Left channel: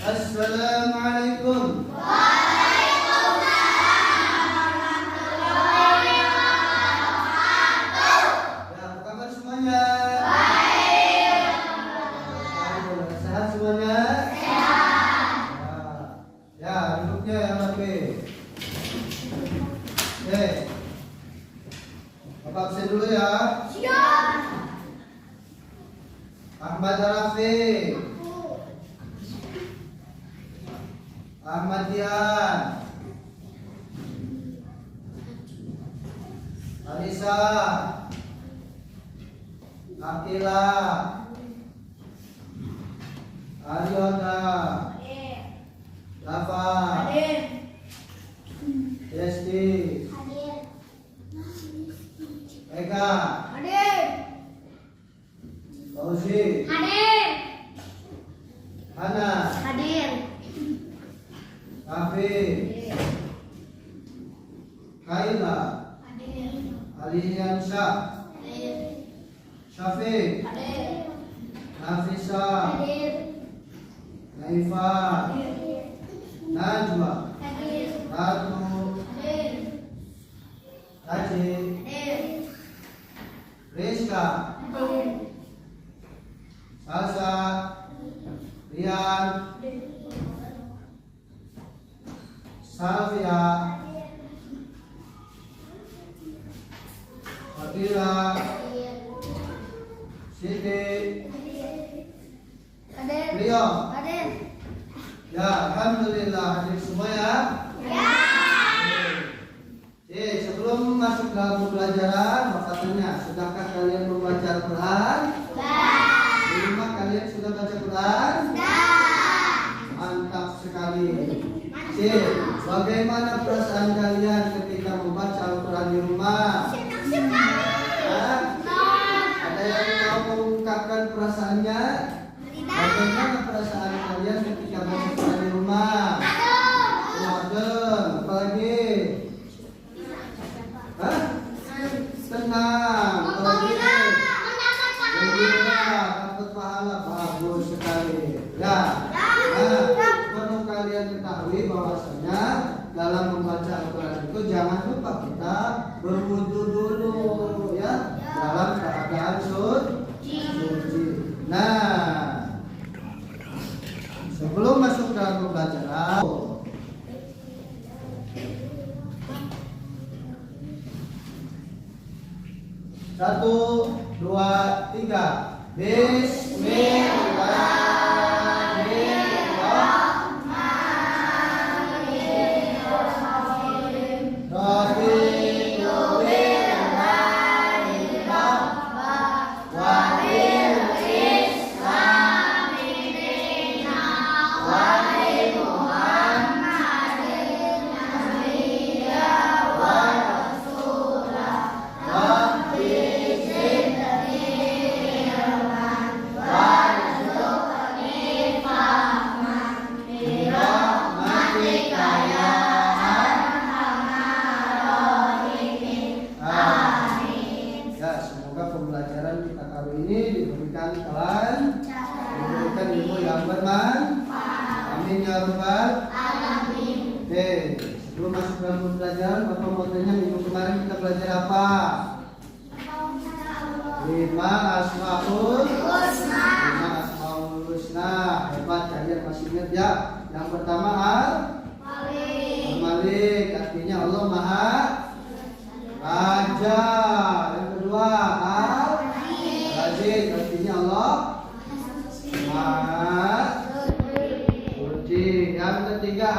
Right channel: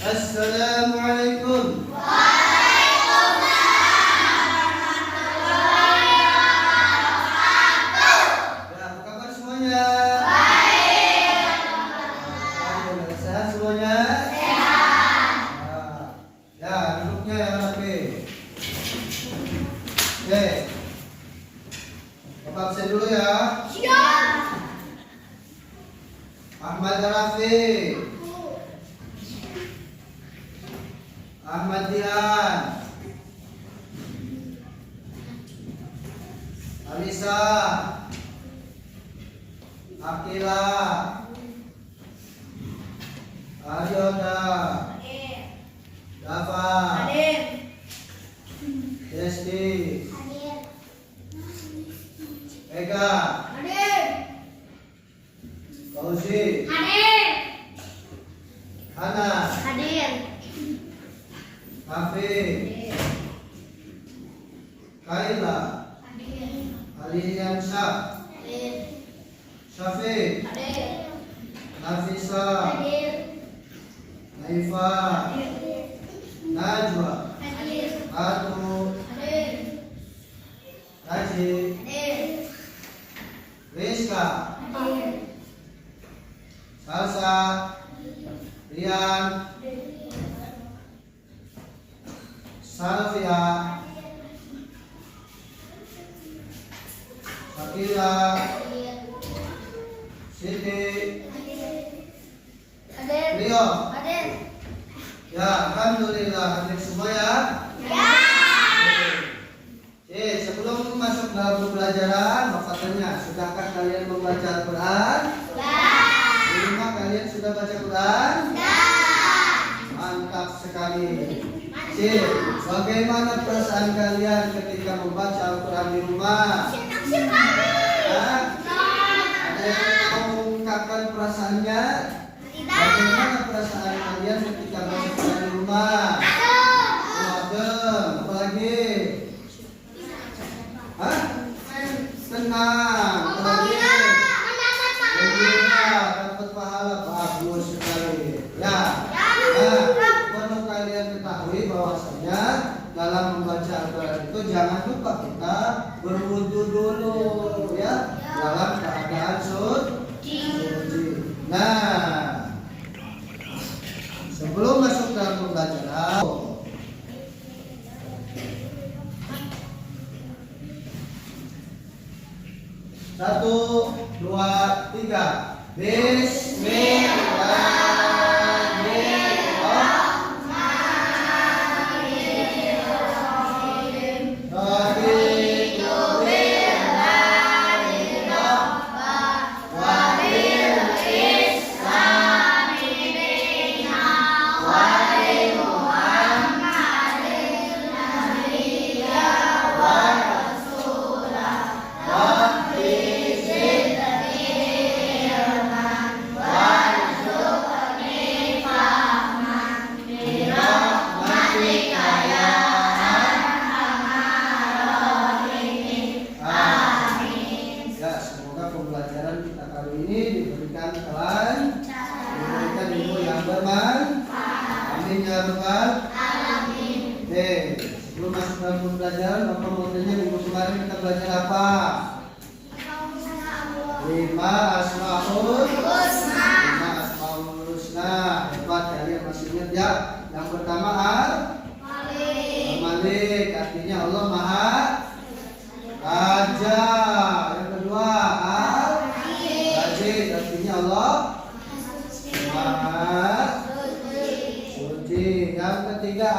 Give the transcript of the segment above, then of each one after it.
Assalamualaikum. Ya, apa kabar semuanya? Sehat semuanya? Ya, duduknya yang rapi. Oke. Bapak absen dulu ya. Ahmad Rafi, Ahmad Dian, Alisa, Akila, Aryoda, Dava, Desti, Ega, Fauzi, Hana, Kafi, Kaila, Aliansyah, Syafiq, Nafisa, Naifa, Najwa, Ratu, Raji, Rizka, Salsa, Rian, Salvia, Fakila, Siti, Rio. Ya, alhamdulillah hadir semua ya. Sebelum masuk dalam pembelajaran, Bapak tanya, sudahkah kalian membaca Al-Quran? Di rumah kalian sudah baca Quran? Mantap sekali. Bagaimana perasaan kalian ketika membaca Al-Quran di rumah? Ada yang mau mengungkapkan perasaannya? Bagaimana perasaan kalian ketika baca Quran di rumah? Adem, apalagi? Tenang, apalagi? Gembira, dapat pahala, bagus sekali. Ya. Perlu kalian ketahui bahwasanya dalam membaca Al-Quran itu jangan lupa kita berwudu dulu ya, dalam keadaan suci. Nah, sebelum masuk dalam pembelajaran, 1, 2, 3. Bismillahirrahmanirrahim. Pembelajaran kita kali ini diberikan kelancaran, diberikan ilmu yang bermanfaat. Amin ya rabbal alamin. Oke, sebelum masuk dalam pembelajaran, Bapak mau tanya, minggu kemarin kita belajar apa? 5 asmaul husna. Hebat, kalian masih ingat ya? Yang pertama Al-Malik, artinya Allah Maha Raja. Yang kedua Al-Aziz, artinya Allah Maha Suci. Yang ketiga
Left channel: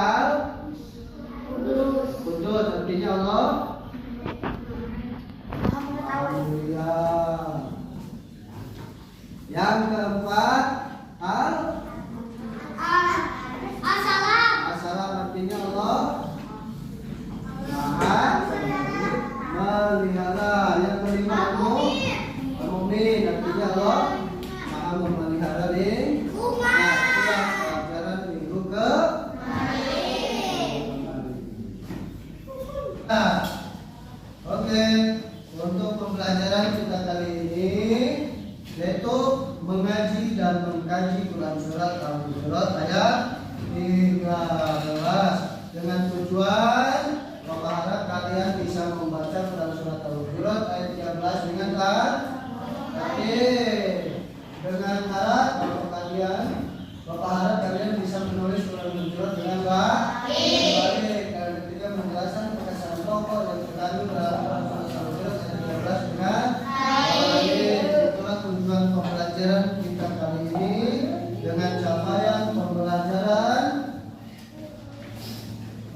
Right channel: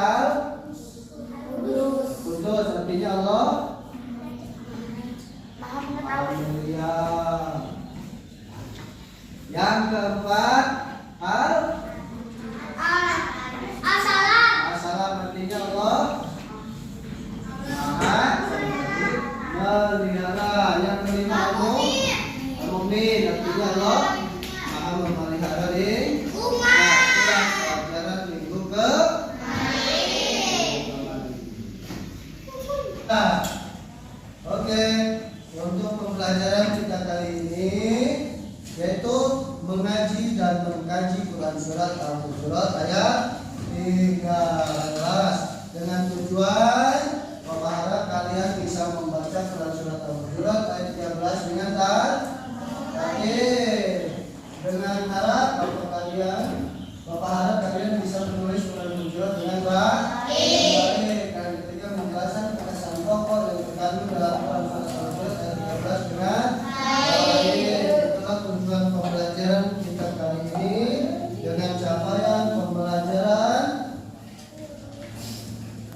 Al-Qudus, artinya Allah Al-Mulia. Yang keempat As-Salam, artinya Allah Maha melihara. Yang kelima Al-Mu'min, artinya Allah Maha memelihara umat. Itulah pelajaran minggu ke. Oke, untuk pembelajaran kita kali ini yaitu mengaji dan mengkaji Quran surat Al-Hujurat ayat 13. Dengan tujuan Bapak harap kalian bisa membaca Quran surat Al-Hujurat ayat 13 dengan tertib. Dengan harap Bapak harap kalian bisa menulis Quran Al-Hujurat dengan baik. Kalian ketiga membahasan perkataan tokoh yang terkandung dalam Quran surat Al-Hujurat ayat 13 dengan baik. Itulah tujuan pembelajaran kita kali ini. Dengan capaian pembelajaran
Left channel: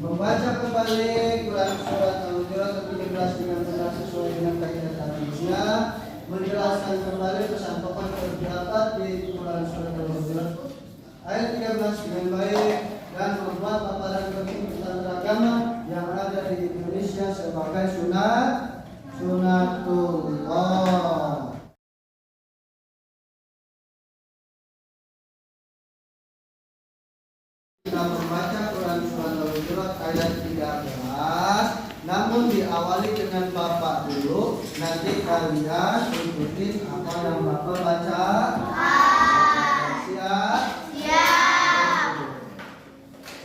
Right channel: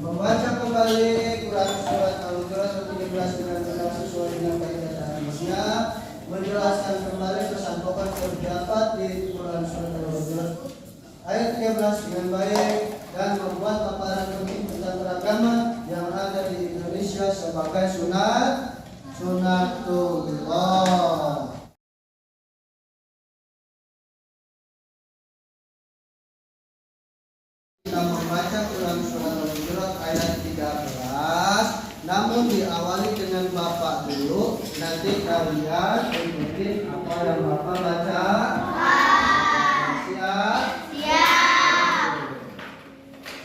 membaca kembali Quran surat Al-Hujurat 13 dengan benar sesuai dengan kaidah hadisnya, menjelaskan kembali pesan pokok terdapat di Quran surat Al-Hujurat ayat 13 dengan baik, dan membuat paparan penting tentang agama yang ada di Indonesia sebagai sunatullah. Kita membaca Quran surat Al-Hujurat ayat 13, namun diawali dengan Bapak dulu. Nanti kalian ikutin apa yang Bapak baca. Siap?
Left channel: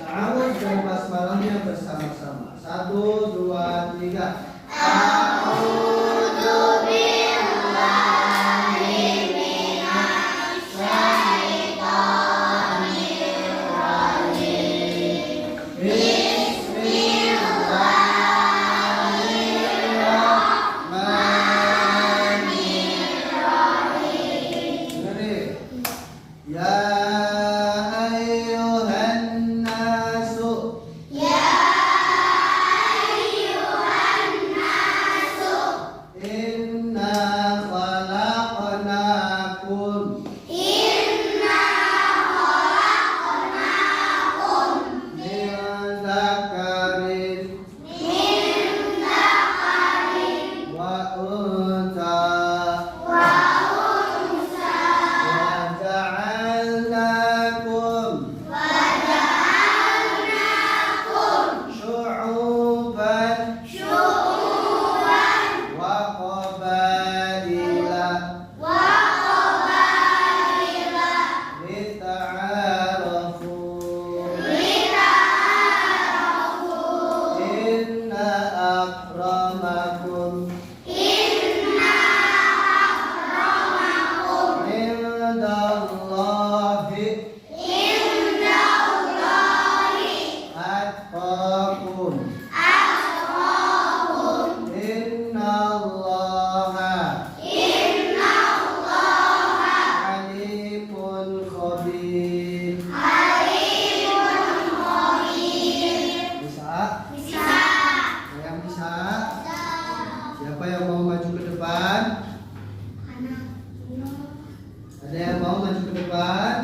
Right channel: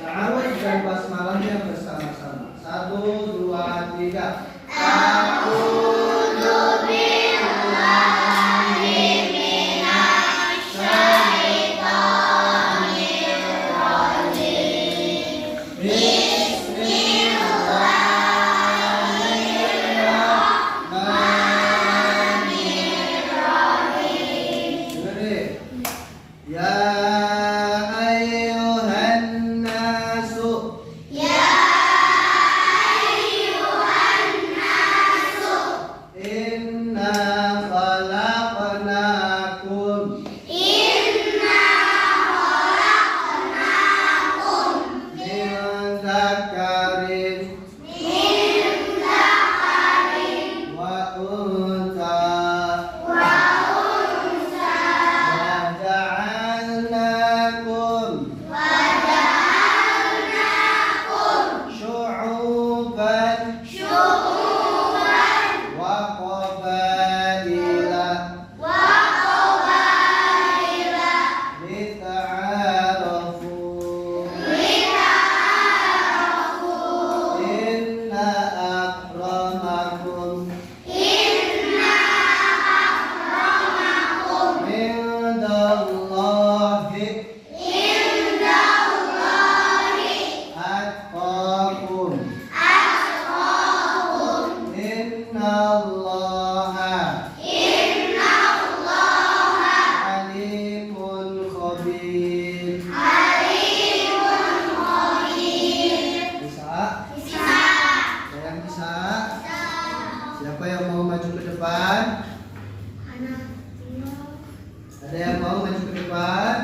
Ta'awudz dan basmalahnya bersama-sama. 1, 2, 3. A'udzu billahi minasy syaithanir rajim. Bismillahirrahmanirrahim. Ya ayyuhan nasu. Inna khalaqnakum min dzakarin wa untha wa ja'alnakum syu'uban wa qabaila lita'arafu. Inna akramakum indallahi atqakum. Innallaha alimun khabir. Bisa? Ada yang bisa? Siapa yang mau maju ke depan? Ada yang mau maju ke depan?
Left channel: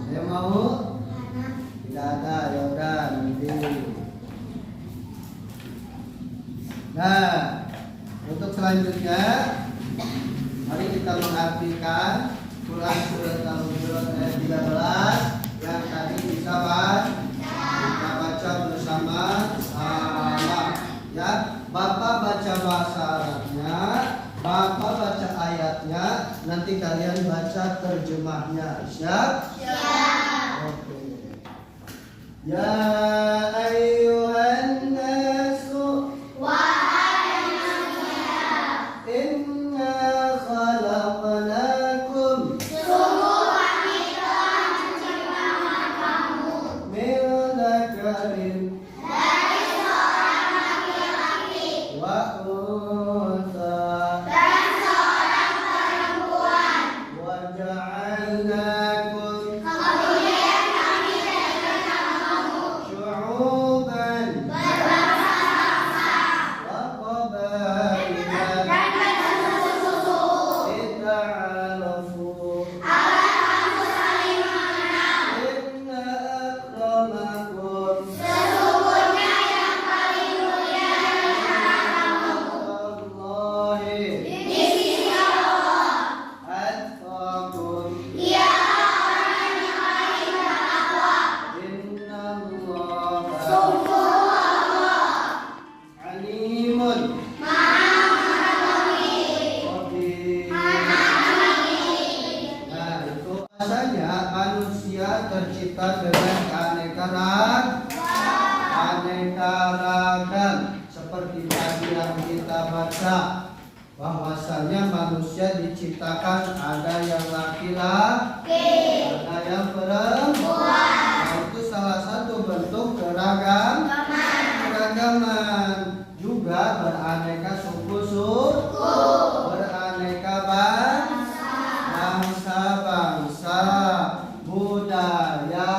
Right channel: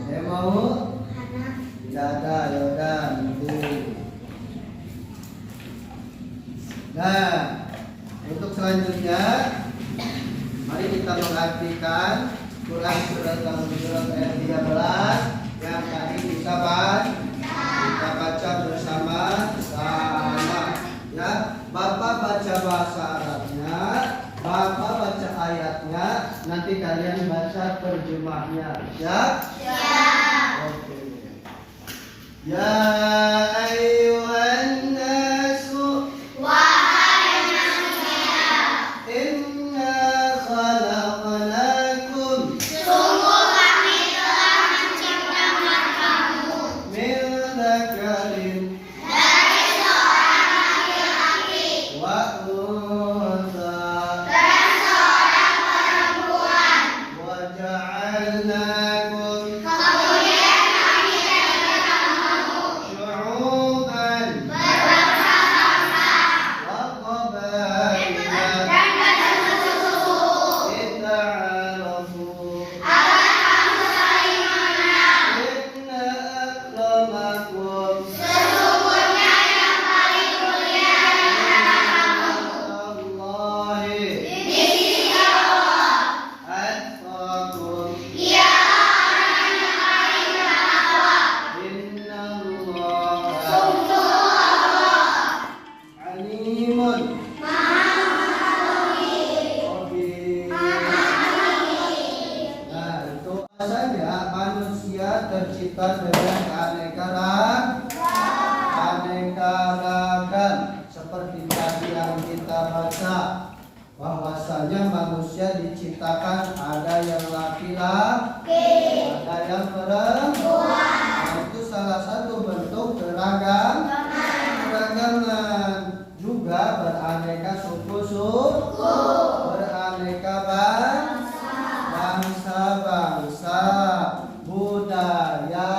Ada yang mau? Tidak ada, yaudah nanti. Nah, untuk selanjutnya mari kita mengartikan Quran surat Al-Hujurat ayat 13 yang tadi kita baca bersama-sama. Ya, Bapak baca bahasa Arabnya, Bapak baca ayatnya, nanti kalian baca terjemahnya. Siap? Oke. Ya ayyuhan nasu inna khalaqnakum min dzakarin wa untha wa ja'alnakum syu'uban kita dengan aneka ragam. Seperti tadi yang kita baca, bahwasanya manusia diciptakan ada yang laki-laki, ada yang perempuan. Nah, itu salah satu bentuk keragaman. Juga beraneka suku, beraneka bangsa, budaya,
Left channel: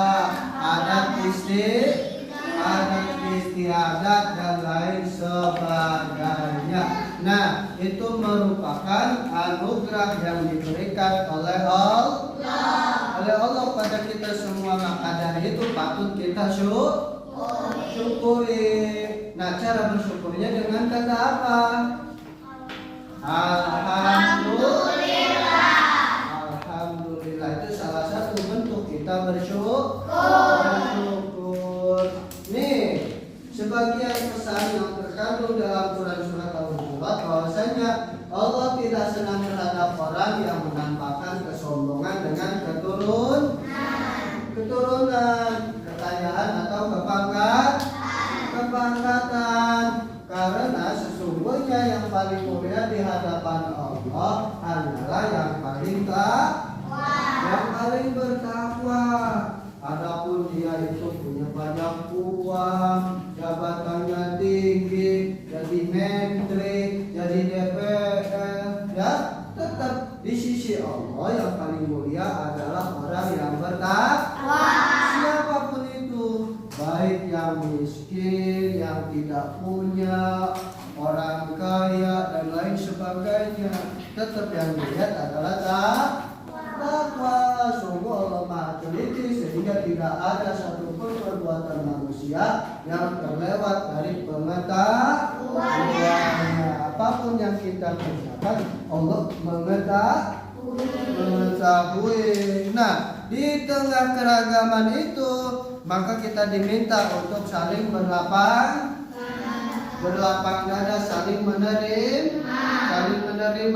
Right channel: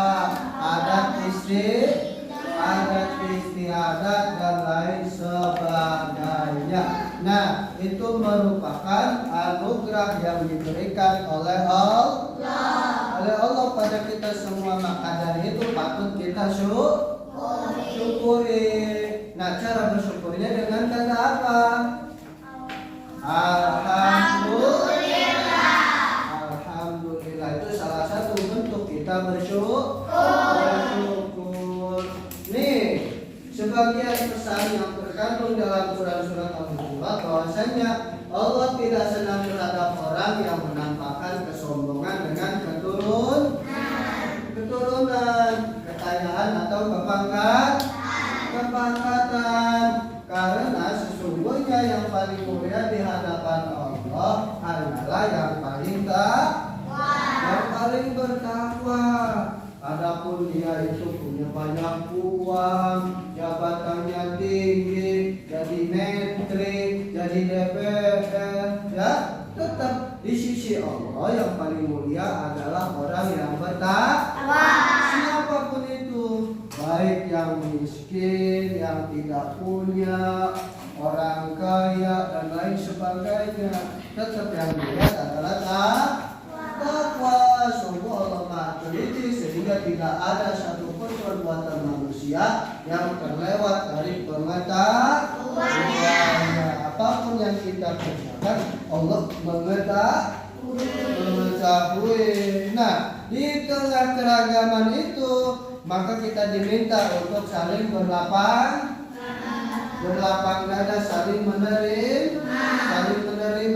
adat istiadat dan lain sebagainya. Nah, itu merupakan anugerah yang diberikan oleh Allah pada kita semua. Maka dari itu patut kita syukuri. Nah, cara bersyukurnya dengan kata apa? Alhamdulillah. Itu salah satu bentuk kita bersyukur. Nih, sebagian pesan yang terkandung dalam Quran surat Al-Hujurat, bahwasanya Allah tidak senang terhadap orang yang menampakkan kesombongan dengan keturunan, kekayaan atau kebangkatan. Karena sesungguhnya yang paling mulia di hadapan Allah hanyalah yang paling bertakwa. Adapun dia itu punya banyak uang, jabatannya tinggi, jadi menteri, jadi DPR, ya tetap di sisi Allah yang paling mulia adalah orang yang bertakwa. Siapapun itu, baik yang miskin, yang tidak punya, orang kaya dan lain sebagainya, tetap yang dilihat adalah takwa. Sungguh Allah Maha Teliti, sehingga tidak ada satupun perbuatan manusia yang terlewat dari pengetahuannya. Apapun yang kita kerjakan, Allah mengetahui. Nah, di tengah keragaman itu, maka kita diminta untuk saling berlapang dada, saling menerima,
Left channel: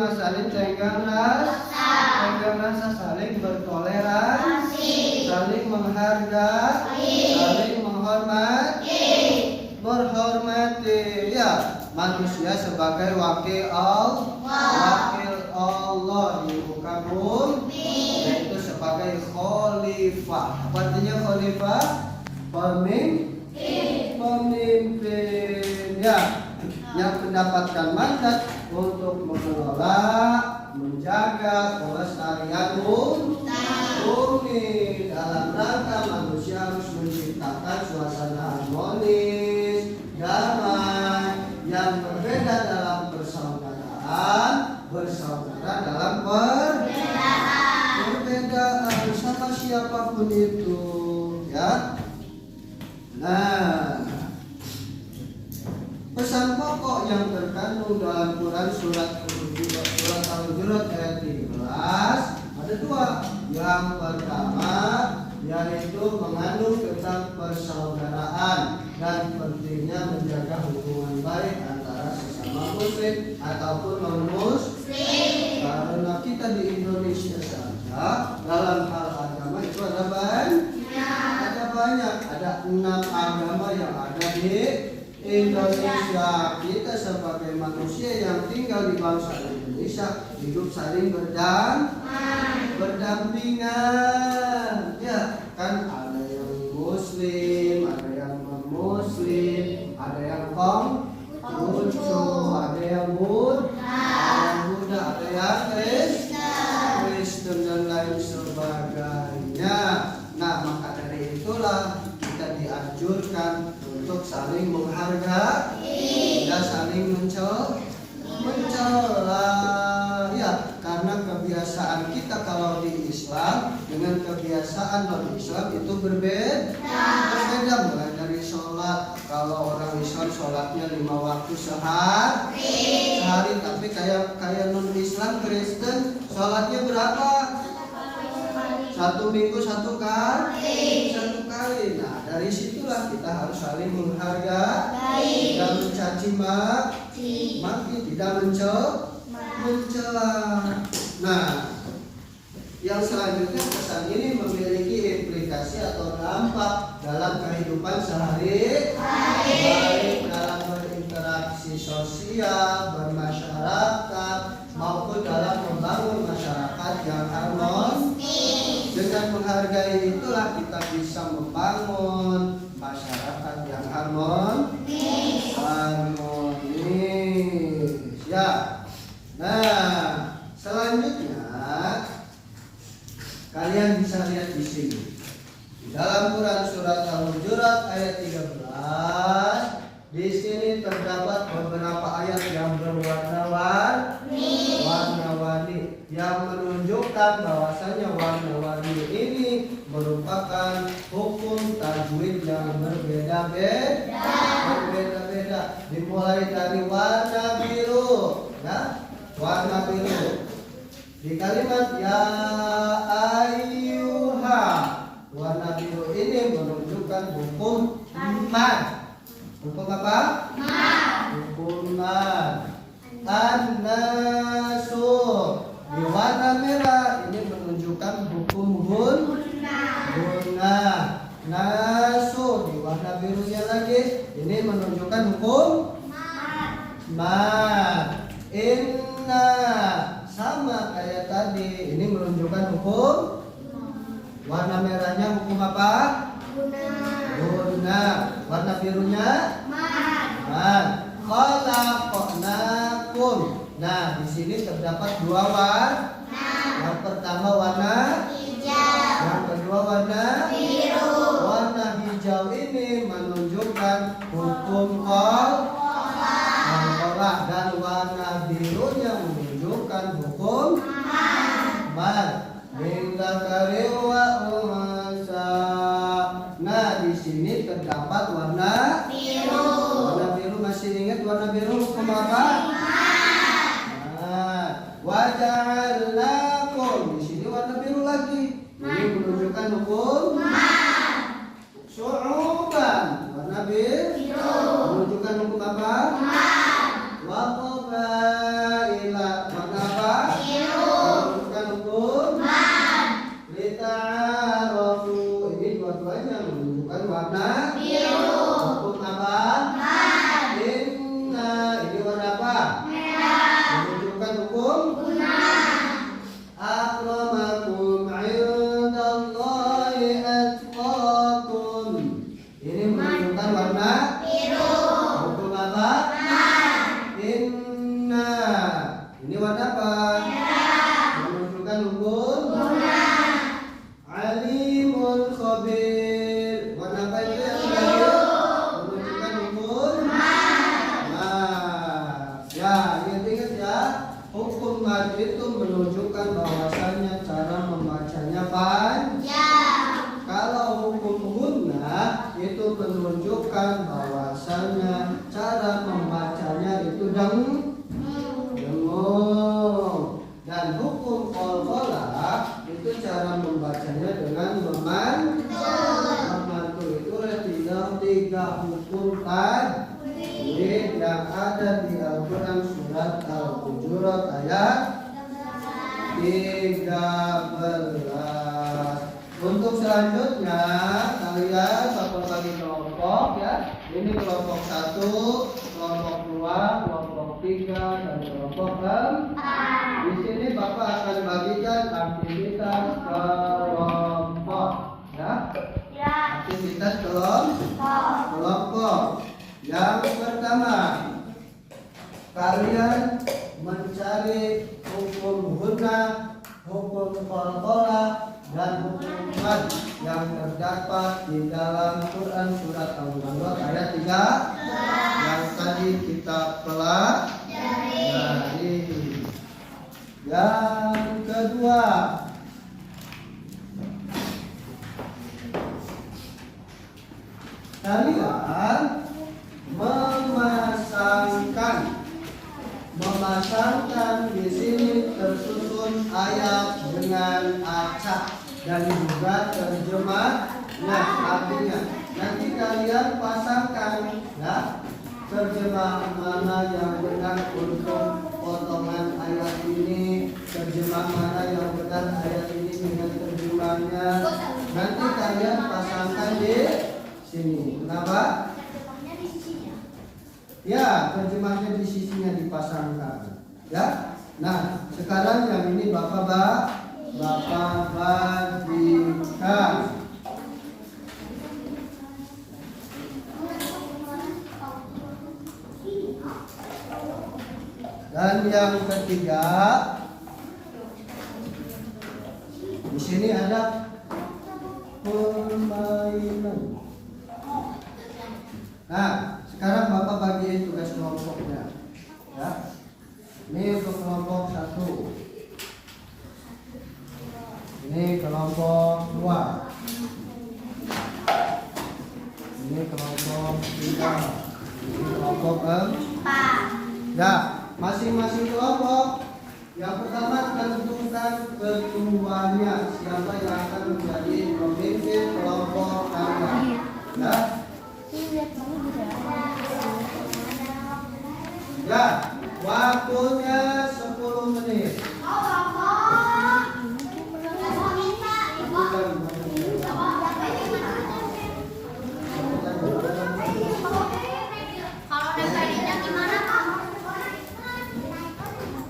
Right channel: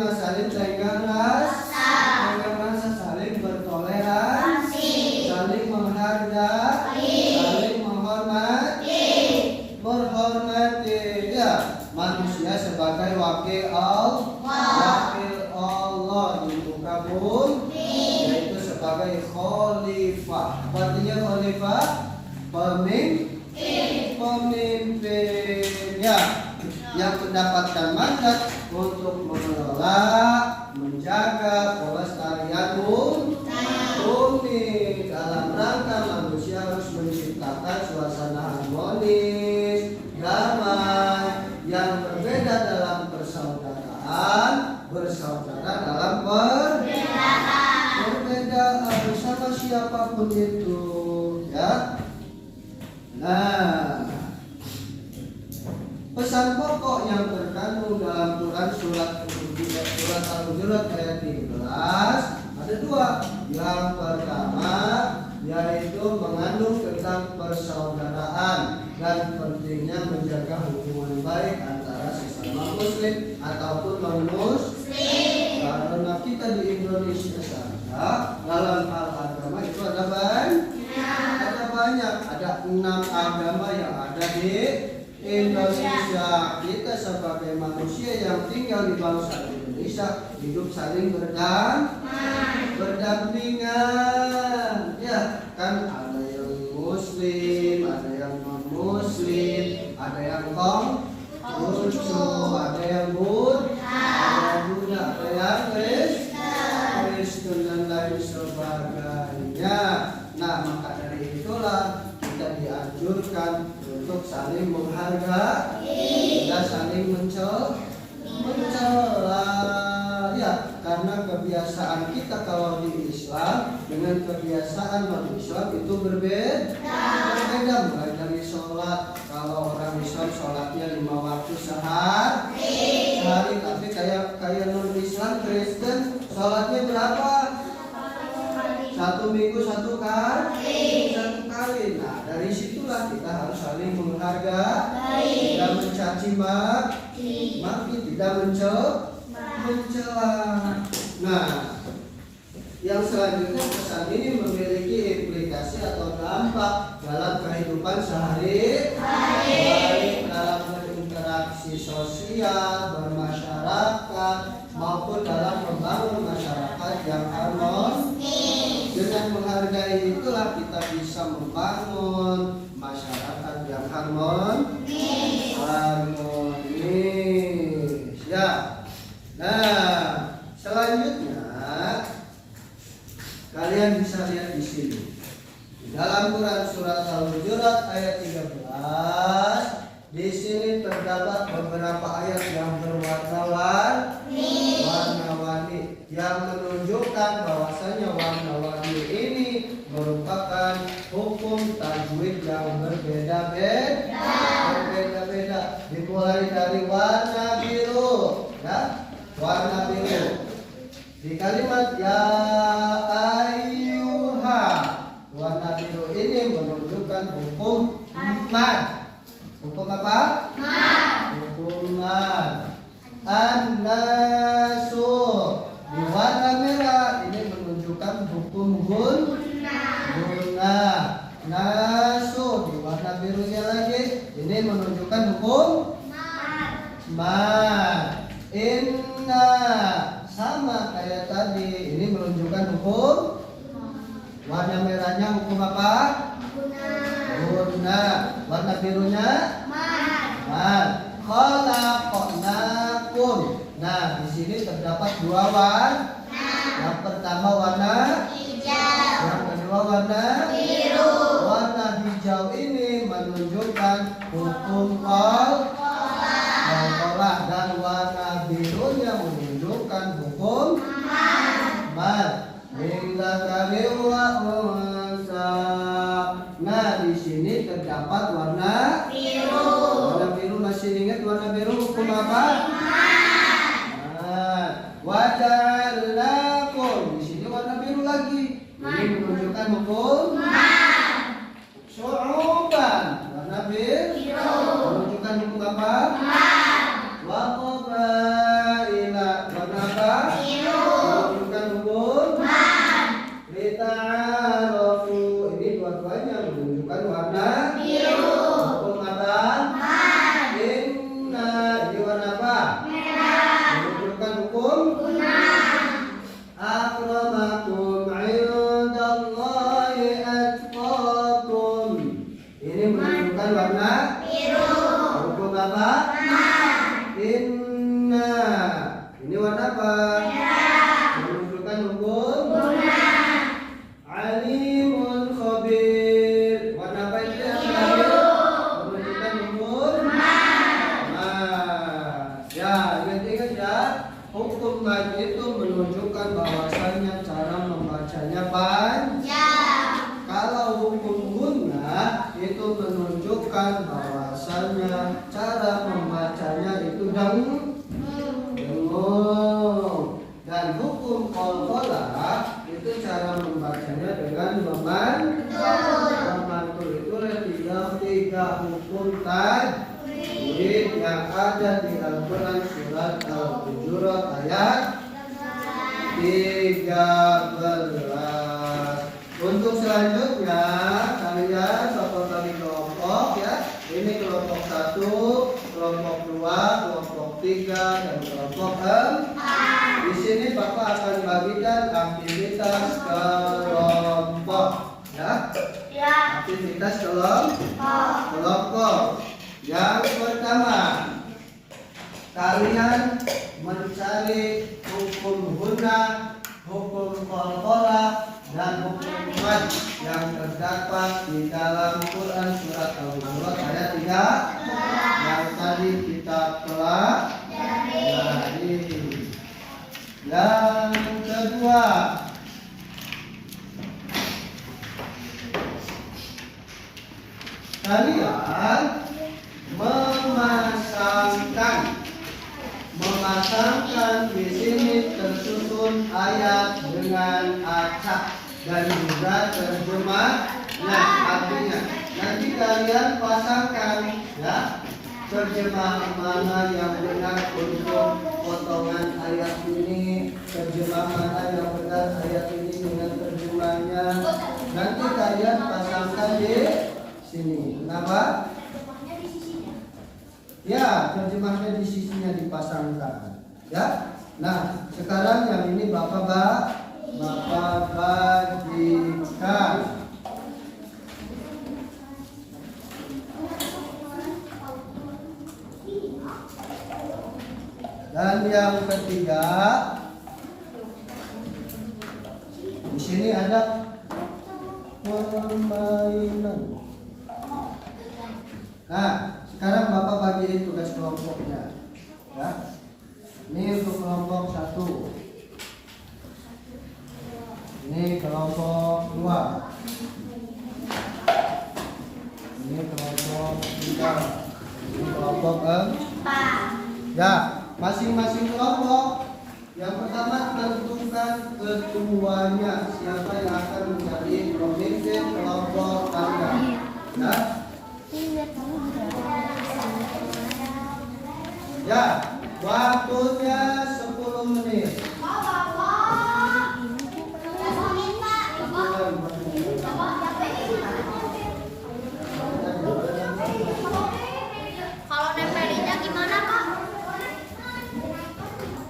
saling tenggang rasa, saling bertoleransi, saling menghargai, saling menghormati. Ya, manusia sebagai wakil Allah di muka bumi, yaitu sebagai khalifah. Apa artinya khalifah? Pemimpin, ya, yang mendapatkan mandat untuk mengelola, menjaga pelestarian bumi. Dalam rangka manusia harus menciptakan suasana harmonis, damai, yang berbeda dalam persaudaraan, bersaudara dalam perbedaan sama siapapun itu, ya. Nah, pesan pokok yang terkandung dalam Quran surat Al-Hujurat ayat 13 ada dua. Yang pertama yaitu mengandung tentang persaudaraan dan pentingnya menjaga hubungan baik antara sesama muslim ataupun non-muslim. Karena kita di Indonesia saja dalam hal agama itu ada banyak, ada 6 agama yang ada di Indonesia. Kita sebagai manusia yang tinggal di bangsa Indonesia hidup saling berdampingan. Ya, kan ada yang muslim, ada yang non muslim, ada yang Konghucu, ada yang Buddha, ada yang Kristen dan lain sebagainya. Nah, maka dari itulah kita dianjurkan untuk saling menghargai dan saling mencela. Ya, karena kebiasaan kita kalau di Islam dengan kebiasaan non-Islam itu berbeda. Mulai dari sholat, kalau orang Islam sholatnya 5 waktu sehari, tapi kayak non-Islam Kristen sholatnya berapa? 1 minggu 1 kali. Nah, dari situlah kita harus saling menghargai, tidak mencaci maki, tidak mencela. Nah, yang selanjutnya pesan ini memiliki implikasi aplikasi atau dampak dalam kehidupan sehari-hari, dalam berinteraksi sosial, bermasyarakat, maupun dalam membangun masyarakat yang harmonis. Dengan menghargai itulah kita bisa membangun masyarakat yang harmonis. Ya. Nah, selanjutnya kalian bisa lihat di sini. Di dalam Quran surat Al-Hujurat ayat 13, di sini terdapat beberapa ayat yang warna-warni yang menunjukkan bahwasanya warna-warni ini merupakan hukum tajwid yang berbeda-beda. Dimulai dari warna biru, ya, warna biru. Di kalimat ya ayyuha, warna biru ini menunjukkan hukum mad. Hukum apa? Mad. Hukum mad. An-nasu, di warna merah ini menunjukkan hukum guna. Nasu, di warna birunya lagi ini menunjukkan hukum mad. Inna, sama kayak tadi, ini menunjukkan hukum. Warna merahnya hukum apa? Guna. Warna birunya mad. Khalaqnakum. Nah, di sini terdapat dua warna. Yang pertama warna hijau, yang kedua warna biru. Warna hijau ini menunjukkan hukum qalqalah, dan warna birunya menunjukkan hukum mad. Nah, di sini terdapat warna biru. Warna biru, masih ingat warna biru hukum apa? Waja'alnakum, di sini warna biru lagi. Ini menunjukkan hukum syu'uban. Warna biru menunjukkan hukum apa? Wa qabaila, warna apa? Menunjukkan hukum lita'arafu. Ini dua-duanya menunjukkan warna biru. Hukum apa? Inna, ini warna apa? Menunjukkan hukum akramakum indallahi atqakum. Ini menunjukkan warna biru. Hukum apa? Inna, ini warna apa? Menunjukkan hukum alimun khabir. Warna apa itu yang biru? Menunjukkan hukum ya, ingat-ingat ya. Hukum mad itu menunjukkan bahwasanya cara membacanya panjang. Kalau hukum guna itu menunjukkan bahwasanya cara membacanya itu dengung. Dan hukum qalqalah itu cara membacanya dengan memantul. Itulah tiga hukum tajwid yang ada di Al-Quran surat Al-Hujurat ayat 13. Untuk selanjutnya kalian satu kali kelompok ya. Ini kelompok 1, kelompok 2, kelompok 3, dan kelompok 4. Di sini Bapak akan bagikan aktivitas kelompok ya. Aktivitas kelompok. Yang pertama, kalian mencari hukum guna, hukum qalqalah, dan hukum mad yang terdapat di dalam Quran surat Al-Hujurat ayat 3 yang tadi kita pelajari. Yang kedua, kalian memasangkan di sini tersusun ayat dengan acak dan juga terjemah. Nah, artinya nanti kalian pasangkan ya terjemahan mana yang benar untuk potongan ayat ini? Terjemah mana yang benar ayat ini dengan terjemahannya? Nanti kalian pasangkan di sini. Kenapa? Ya, terjemahnya di sisinya dipasangkan. Ya. Nah, sekarang yang ini Bapak bagikan. Dan yang ketiga, di sini ada permainan. Nah, sekarang Bapak bagiin tugas kelompoknya. Ya. Ini untuk kelompok 1. Ini kelompok 2. Ini kelompok 3. Ini kelompok 4. Ya, masing-masing kelompok. Yang pertama tentukan ketuanya, siapa yang akan menjadi pemimpin kelompok kalian. Ya. Ya, waktunya 10 menit.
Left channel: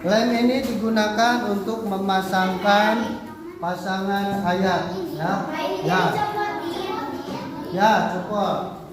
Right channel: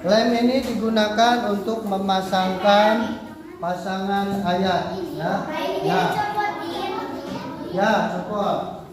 Lem ini digunakan untuk memasangkan pasangan ayat, ya. Ya. Ya, cukup.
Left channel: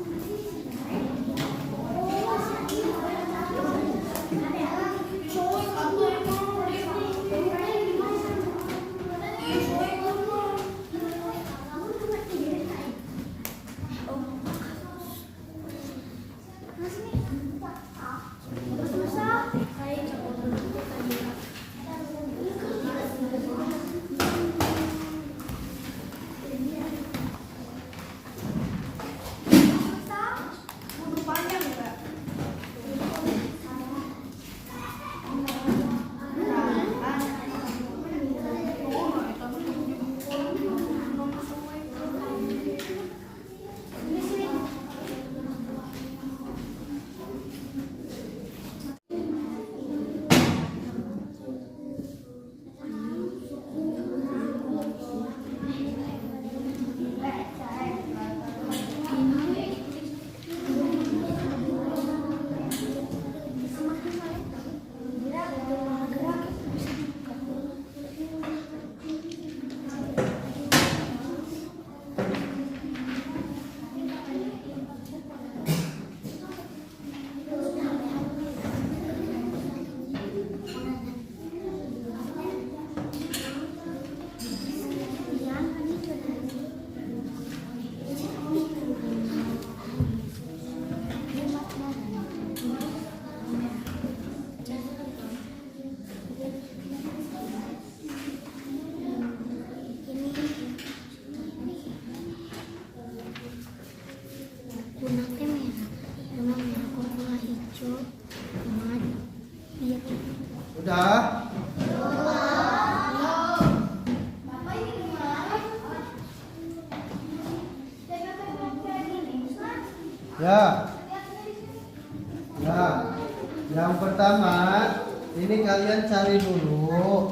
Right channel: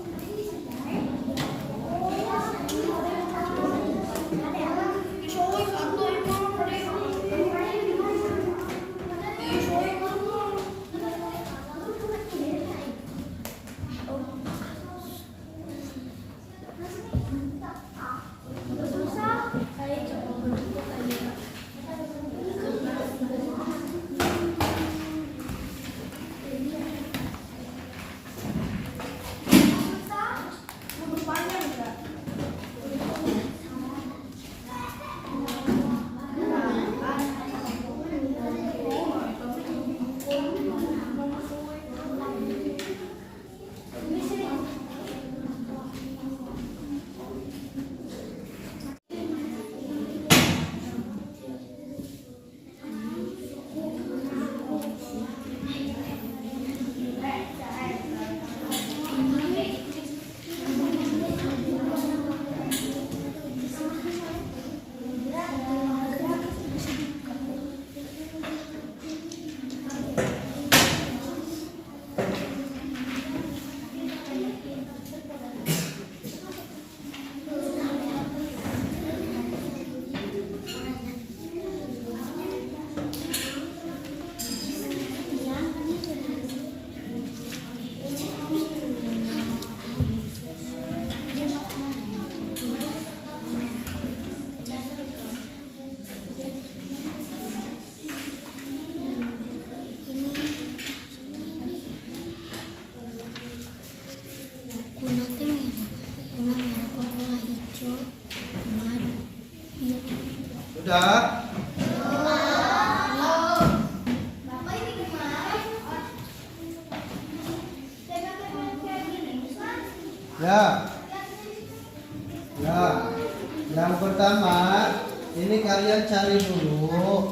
Udah? Ya. Ya. Yang pertama, ini kalian cari dulu.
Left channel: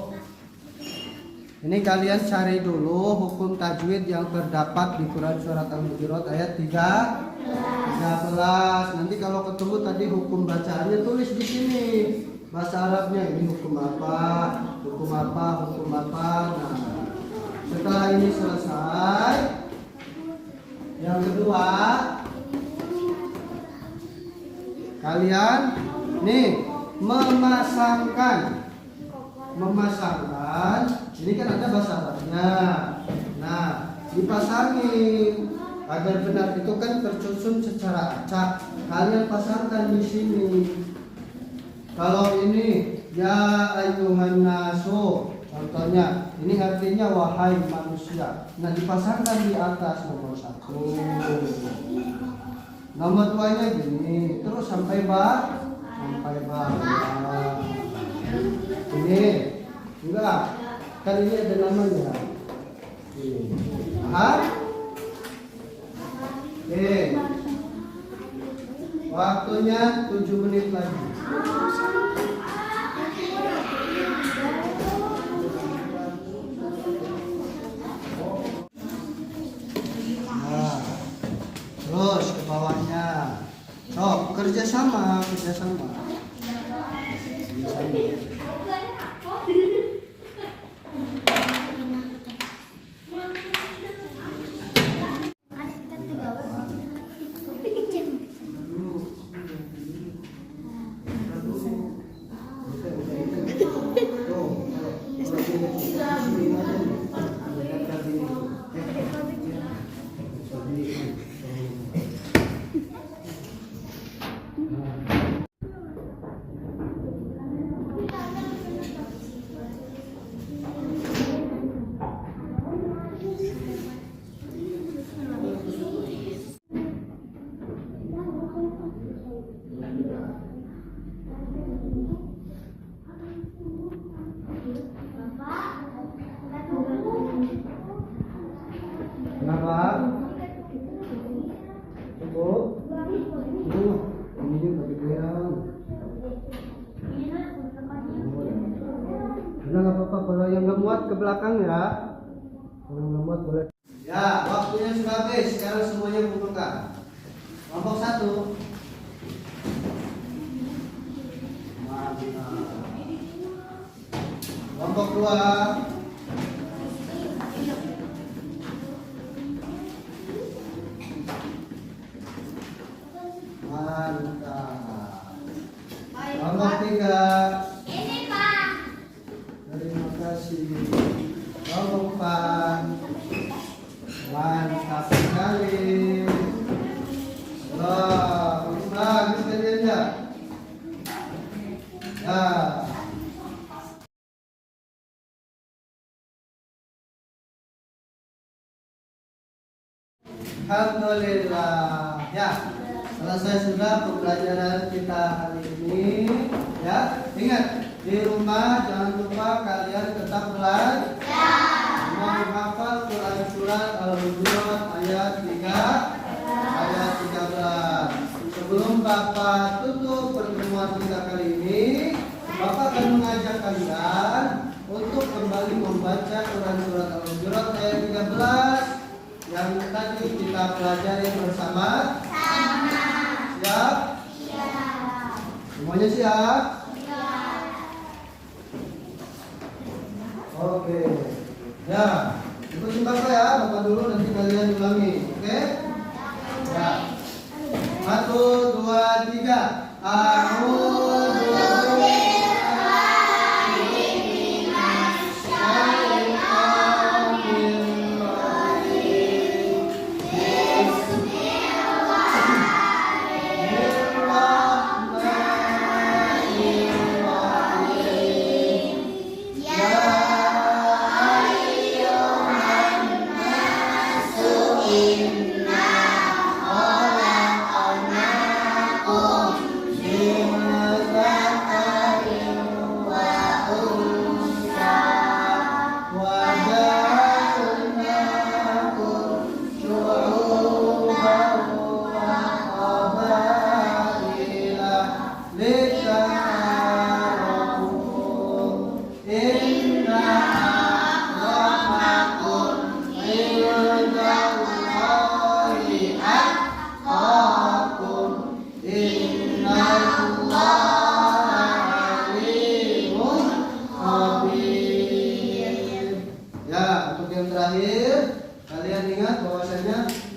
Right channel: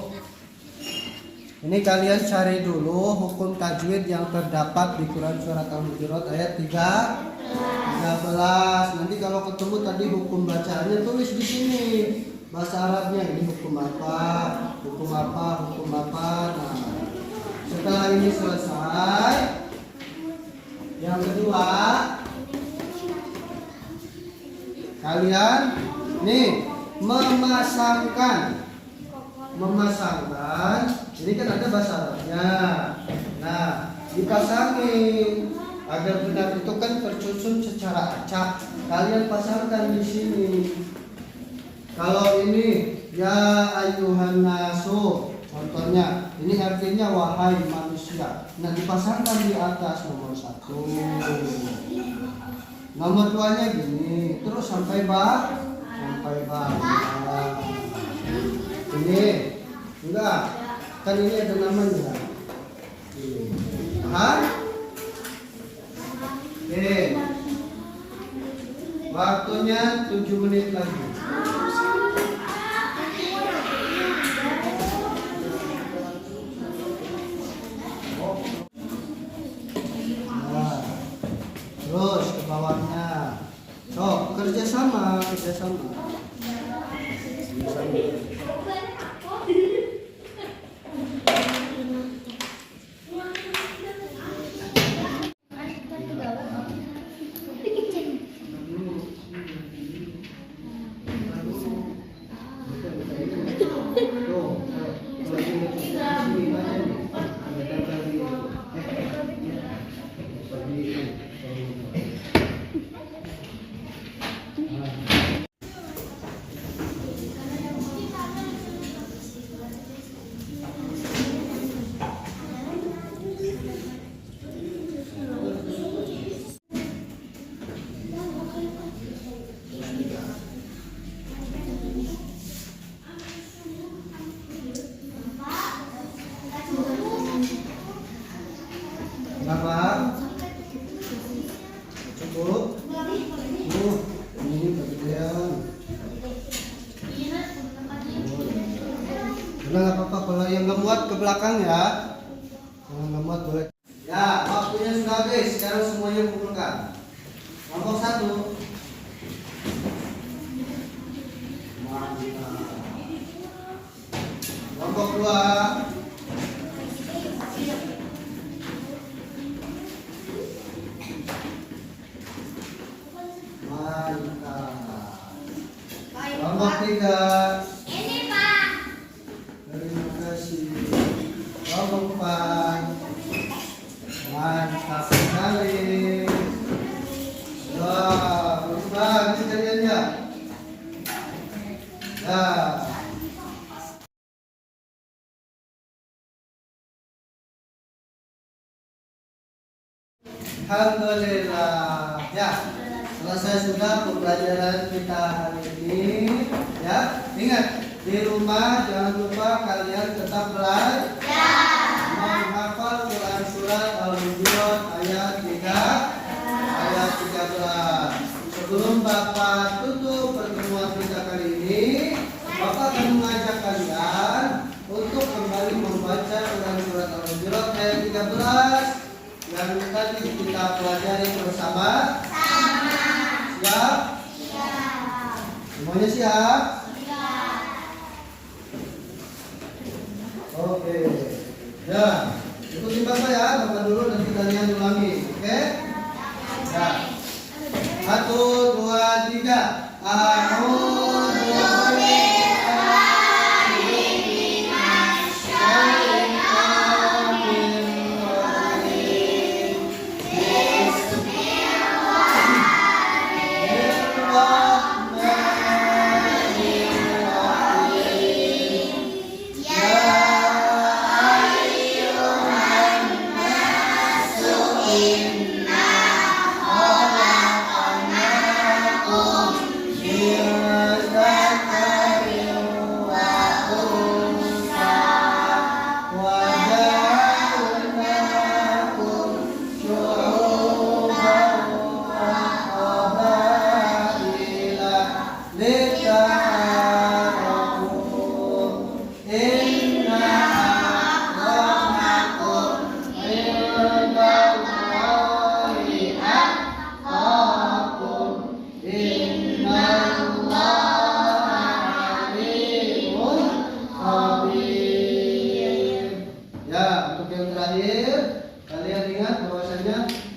Ini kalian cari dulu hukum tajwid yang terdapat di Quran Surat Al-Hujurat ayat 13. Nanti kalau ketemu tadi hukum bacaannya tulis di sini. Bahasa Arabnya ini hukum apa, hukum apa, hukum apa. Nah, setelah ini selesai, yang kedua, kalian nih memasangkan. Ini kan ada bahasa Arabnya. Nah, dipasangin agar benar itu kan tersusun secara acak. Kalian pasangkan di sini. Kalau ini ya ayyuhan nasu, contohnya ini artinya wahai manusia. Nah, dipasangkan di atas nomor 1. Nomor 2-nya gini, terus sampai bawah. Ini enggak, kan ini ada namanya. Paham? Oke. Waktunya 7 menit lagi. Nah, terus ke bawahnya. Oh, kerjasama. Cukup. Ini kegedean. Nggak apa-apa kalau yang nggak muat ke belakang ya. Kalau nggak muat boleh. Ya, waktunya sudah habis. Sekarang semuanya kumpulkan. Kelompok 1. Kelompok 2. Kelompok 3. Ini Pak. Terima kasih. Kelompok 4. Mantap sekali. Wah, bagus kerjanya. Nah. Alhamdulillah. Ya. Selesai sudah pembelajaran kita hari ini. Ya, ingat di rumah jangan lupa kalian tetap belajar. Menghafal Quran surat Al-Hujurat ayat 13. Sebelum Bapak tutup pertemuan kita kali ini, Bapak akan mengajak kalian untuk kembali membaca Quran surat Al-Hujurat ayat 13 yang tadi kita pelajari bersama. Siap? Siap. Semuanya siap? Siap. Oke. Ya, ikuti Bapak ya. Bapak dulu nanti kalian ulangi. Oke? Ya. 1, 2, 3.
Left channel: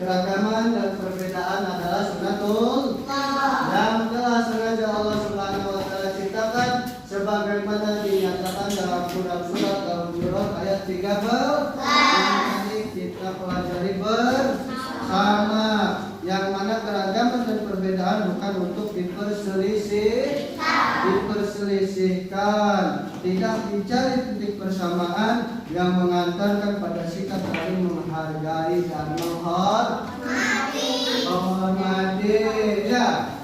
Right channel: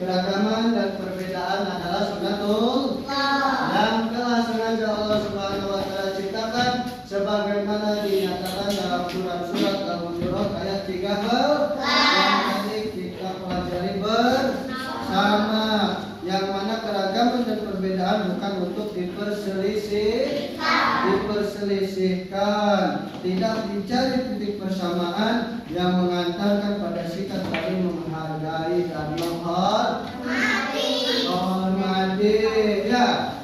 Keragaman dan perbedaan adalah sunnatul yang telah sengaja Allah Subhanahu wa taala ciptakan sebagaimana dinyatakan dalam surat Al-Hujurat ayat 13 yang tadi kita pelajari bersama, yang mana keragaman dan perbedaan bukan untuk diperselisihkan, tidak dicari titik persamaan yang mengantarkan pada sikap saling menghargai dan menghormati. Ya.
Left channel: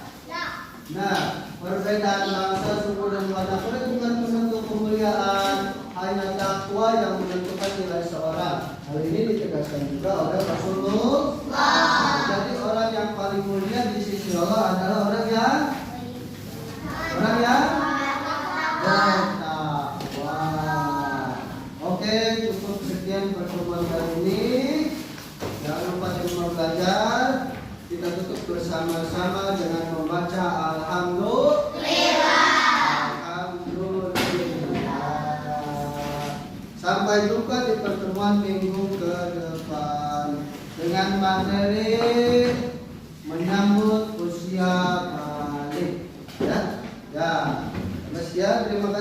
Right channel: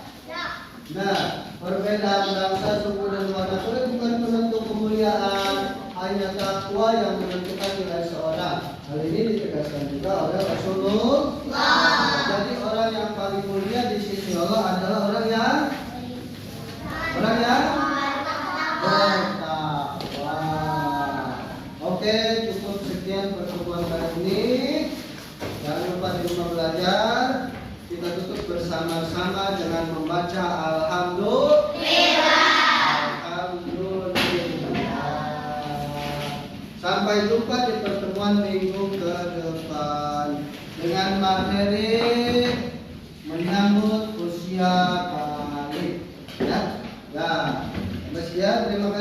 Nah, perbedaan bangsa, suku dan warna kulit bukan penentu kemuliaan, hanya takwa yang menentukan nilai seorang. Hal ini ditegaskan juga oleh Rasulullah. Jadi orang yang paling paling mulia di sisi Allah adalah orang yang bertakwa. Oke, cukup sekian pertemuan kali ini. Jangan lupa di rumah belajar. Kita tutup bersama-sama dengan membaca Alhamdulillah. Sampai jumpa di pertemuan minggu ke depan dengan materi menyambut usia balik. Ya, terima kasih.